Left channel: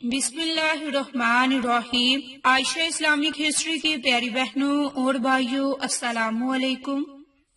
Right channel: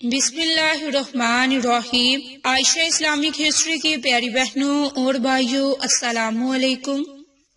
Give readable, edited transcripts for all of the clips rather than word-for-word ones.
بسم اللہ الرحمن الرحیم۔ عائشہ اسلامک ہسٹری کی پیاری بہنوں اور بھائیوں، السلام علیکم۔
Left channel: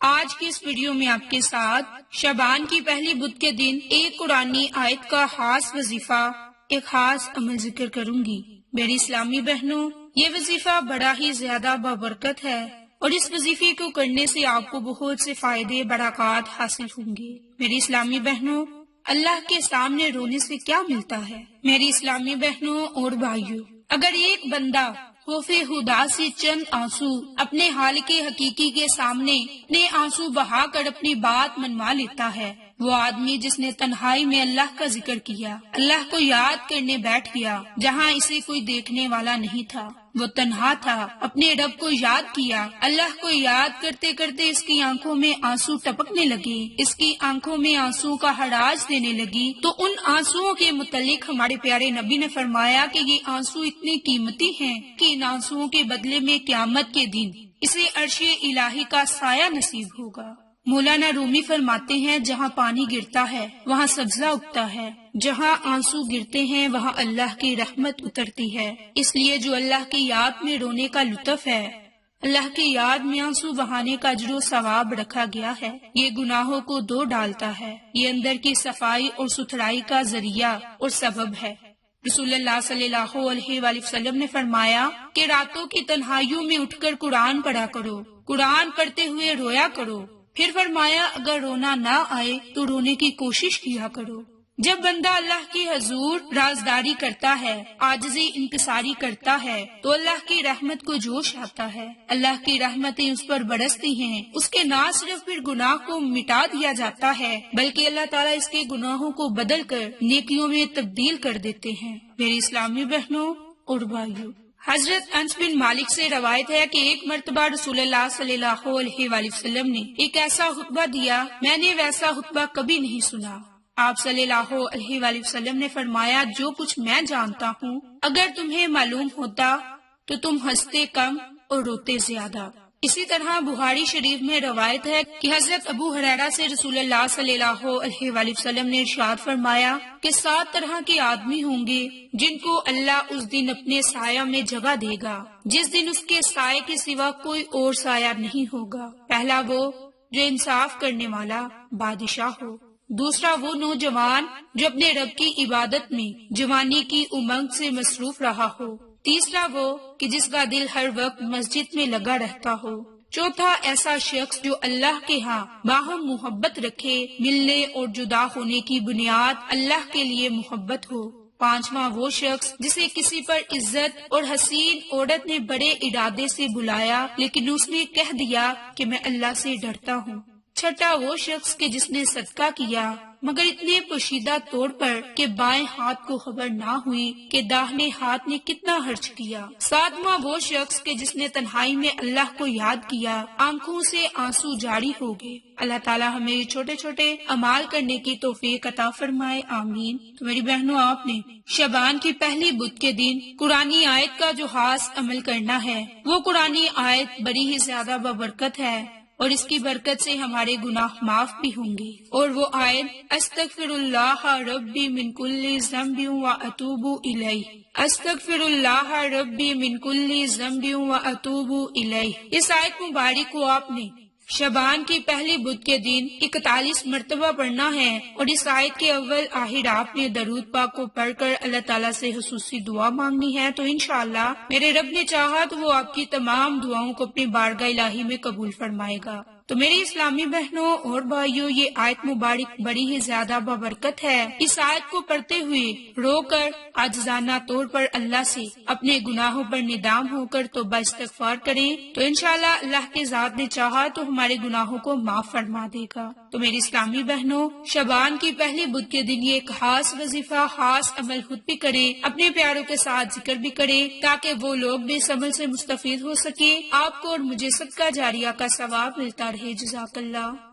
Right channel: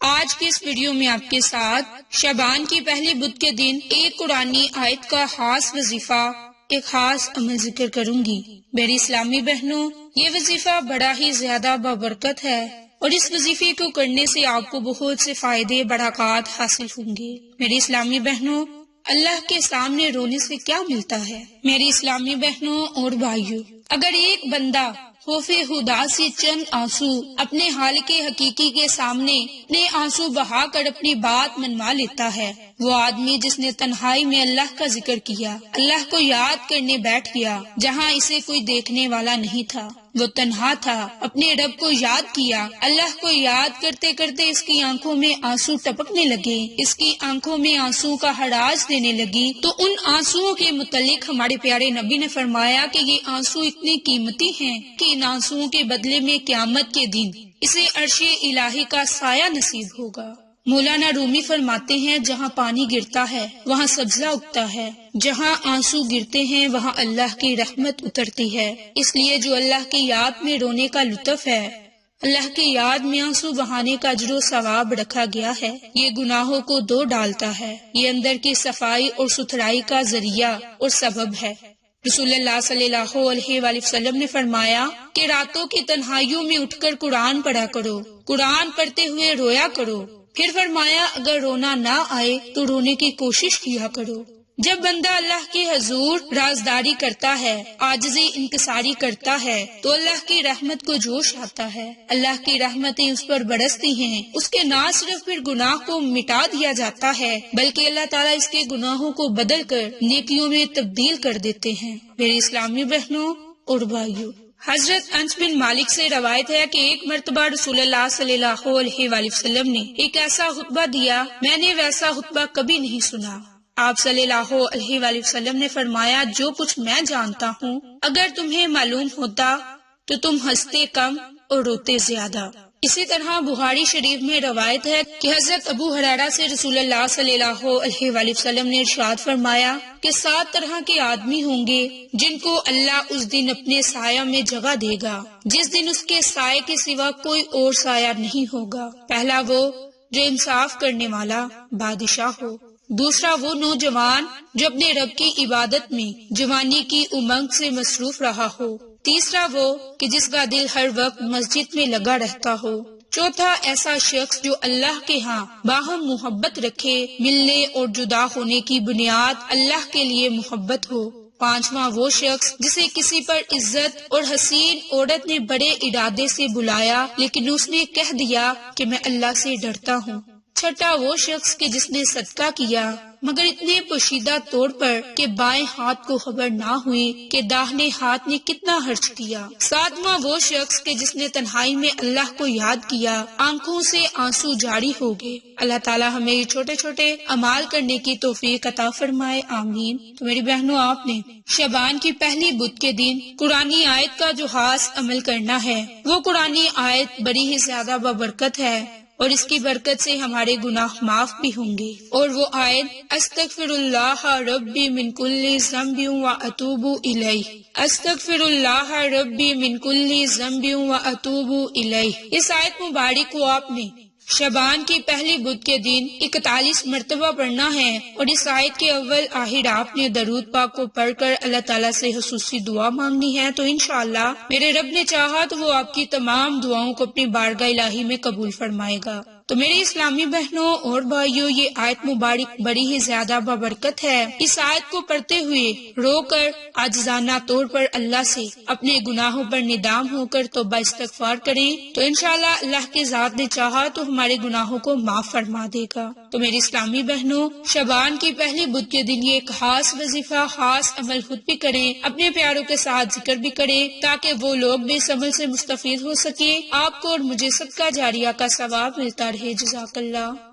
آج کے اس ویڈیو میں آپ کے ساتھ شعبان کی پہلی بدھ کے دن ایک قرآنی آیت کا خاص وظیفہ، ایک خاص عمل ذکر کروں گی۔ میری اسلامی بہنوں، یہ وظیفہ بڑا ہی زیادہ بابرکت ہے اور اس وظیفے کو کرنے سے آپ کو بہت سے فائدے، برکات حاصل ہوں گے۔ میری اسلامی بہنوں، اللہ کے سامنے رونے سے کیا ملتا ہے؟ میری اسلامی بہنوں اور بھائیوں، اگر ایک بندہ خوف خدا سے چند آنسو اپنے حال کے حقیقی کے سامنے اپنے آنسو بہا کر اپنی بات منوا لیتا ہے، وہ آدمی جس نے تنہائی میں اللہ کا ذکر کیا، اللہ کو یاد کرنے بیٹھ گیا جہاں اسے کوئی دیکھنے والا نہیں تھا، وہ تنہا تھا، اپنے رب کو یاد کیا، اللہ کو یاد کرتے کرتے اس کی آنکھوں میں آنسو ٹپکنے لگے، اس کی آنکھوں میں آنسو کا ہراج دینے لگی، تو ان آنسوؤں کے متعلق ہمارے پیارے نبی نے فرمایا کہ یہ آنسو اتنے قیمتی ہیں کہ ان آنسوؤں کے بدلے میں قیامت کے دن اسے عرش الہی کا سایہ نصیب ہوگا۔ مولانا رومی فرماتے ہیں، جہاں پانی گرتا ہے وہاں سبزہ اگتا ہے، جہاں آنسو گرتے ہیں وہاں اللہ کی رحمت اترتی ہے۔ اس لیے جو اللہ کی یاد میں رونے کا لطف ہے، اللہ کی یاد میں آنسو بہانے کا اجر و ثواب رکھا گیا ہے، یہ گناہوں کو دھو ڈالتا ہے، یہ اندر کی صفائی اور ستھرائی کا ذریعہ اور سبب ہے۔ رسول اللہ صلی اللہ علیہ وآلہ وسلم نے فرمایا کہ راتوں کی تنہائیوں میں اٹھ کر قرآن پڑھا کرو، قرآن پڑھتے ہوئے رویا کرو۔ پھر فرمایا اگر رونا نہ آئے تو رونے کی کوشش کیا کرو۔ جب بندہ اللہ کی حضور رازداری کرتا ہے، عاجزی انکساری کرتا ہے، تو اللہ کی رحمت کو جوش آتا ہے، اللہ کی رحمتیں اس پر برستی ہیں، اس کے نہ صرف پھر گناہ کو مٹا دیا جاتا ہے بلکہ اللہ تعالیٰ اس کے گناہوں کو بدل کر نیکیوں میں تبدیل کر دیتے ہیں۔ میری اسلامی بہنوں اور بھائیوں، حضرت انس بن مالک سے روایت ہے کہ ایک مرتبہ رسول اللہ صلی اللہ علیہ وآلہ وسلم نے ایک ایسا خطبہ دیا، میں نے ویسا خطبہ کبھی نہیں سنا۔ آپ صلی اللہ علیہ وآلہ وسلم نے فرمایا، جو کچھ میں جانتا ہوں اگر تمہیں معلوم ہوتا تو تم ہنستے کم اور روتے زیادہ۔ اسی طرح بخاری شریف میں روایت ہے کہ حضرت ابو ہریرہ سے رسول اللہ صلی اللہ علیہ وآلہ وسلم نے ارشاد فرمایا کہ 7 طرح کے آدمی ہوں گے جن کو اللہ اس دن اپنے سایہ میں جگہ دے گا جس دن اس کے سائے کے سوا کوئی اور سایہ نہیں ہوگا۔ پہلا وہ جو انصاف کرنے والا بادشاہ ہو، دوسرا وہ نوجوان جو اپنے رب کی عبادت میں جوانی کی امنگ سے مصروف رہا ہو، تیسرا وہ کہ جس کا دل ہر وقت مسجد میں لگا رہتا ہو، چوتھا ایسا شخص جو اللہ کے ہاں باہم محبت رکھے، ملنے اور جدا ہونے کی بنیاد اللہ کے لیے محبت ہو، پانچواں وہ شخص جسے کسی پر عزت اور حسین عورت نے بڑے ارادے سے بلایا لیکن اس نے کہہ دیا کہ میں اللہ سے ڈرتا ہوں، چھٹا وہ شخص کہ جس نے صدقہ کیا مگر اتنے پوشیدہ طور پر کہ بائیں ہاتھ کو خبر نہ ہوئی کہ داہنے ہاتھ نے کتنا خرچ کیا، ساتواں وہ شخص کہ جس نے تنہائی میں اللہ کو یاد کیا، آنکھوں سے آنسو جاری ہو گئے۔ اللہ تعالیٰ ہمیں یہ چھوٹے چھوٹے اعمال کرنے کی توفیق عطا فرمائے، آمین۔ تو میری بہنوں، آپ نے شعبان کی پہلی بدھ کے دن قرآنی آیت کا جو خاص عمل کرنا ہے، وہ قرآنی آیت بڑی ہی زیادہ بابرکت ہے اور اس کی برکت سے ہمارے گناہ معاف بھی ہوں گے، اور وہ آیت استغفر اللہ ربی من کل ذنب واتوب الیہ، استغفر اللہ ربی من کل ذنب واتوب الیہ۔ اس آیت مبارک کو آپ نے شعبان کی پہلی بدھ کے دن 41 مرتبہ پڑھنا ہے، اور اس آیت کے اول آخر آپ نے درود پاک کو پڑھ کر اللہ تعالیٰ سے خصوصی دعا مانگنی ہے، تو انشاءاللہ میرے رب نے چاہا تو وہ آپ کی تمام دعاؤں کو اپنی بارگاہ الہی میں قبول فرمائے گا۔ تو میری اسلامی بہنوں اور بھائیوں، یہ آیت مبارک بڑی ہی زیادہ بابرکت ہے۔ اس آیت کو پڑھتے ہوئے رو کر عاجزانہ طور پر اللہ سے اپنے گناہوں پر ندام ہو کر توبہ استغفار کریں تو انشاءاللہ اللہ کی ذات نے چاہا تو ہمارے گناہوں کو معاف فرما دے گا۔ تو میری اسلامی بہنوں، شعبان کی پہلی بدھ کے دن یہ ایک خاص وظیفہ، خاص عمل خود بھی کریں، اپنے پیاروں کے ساتھ ذکر بھی کریں تاکہ وہ لوگ بھی اس عمل سے مستفید ہو سکیں، آپ کو اور مجھے صدقہ جاریہ کا ثواب ملتا رہے۔ جزاک اللہ۔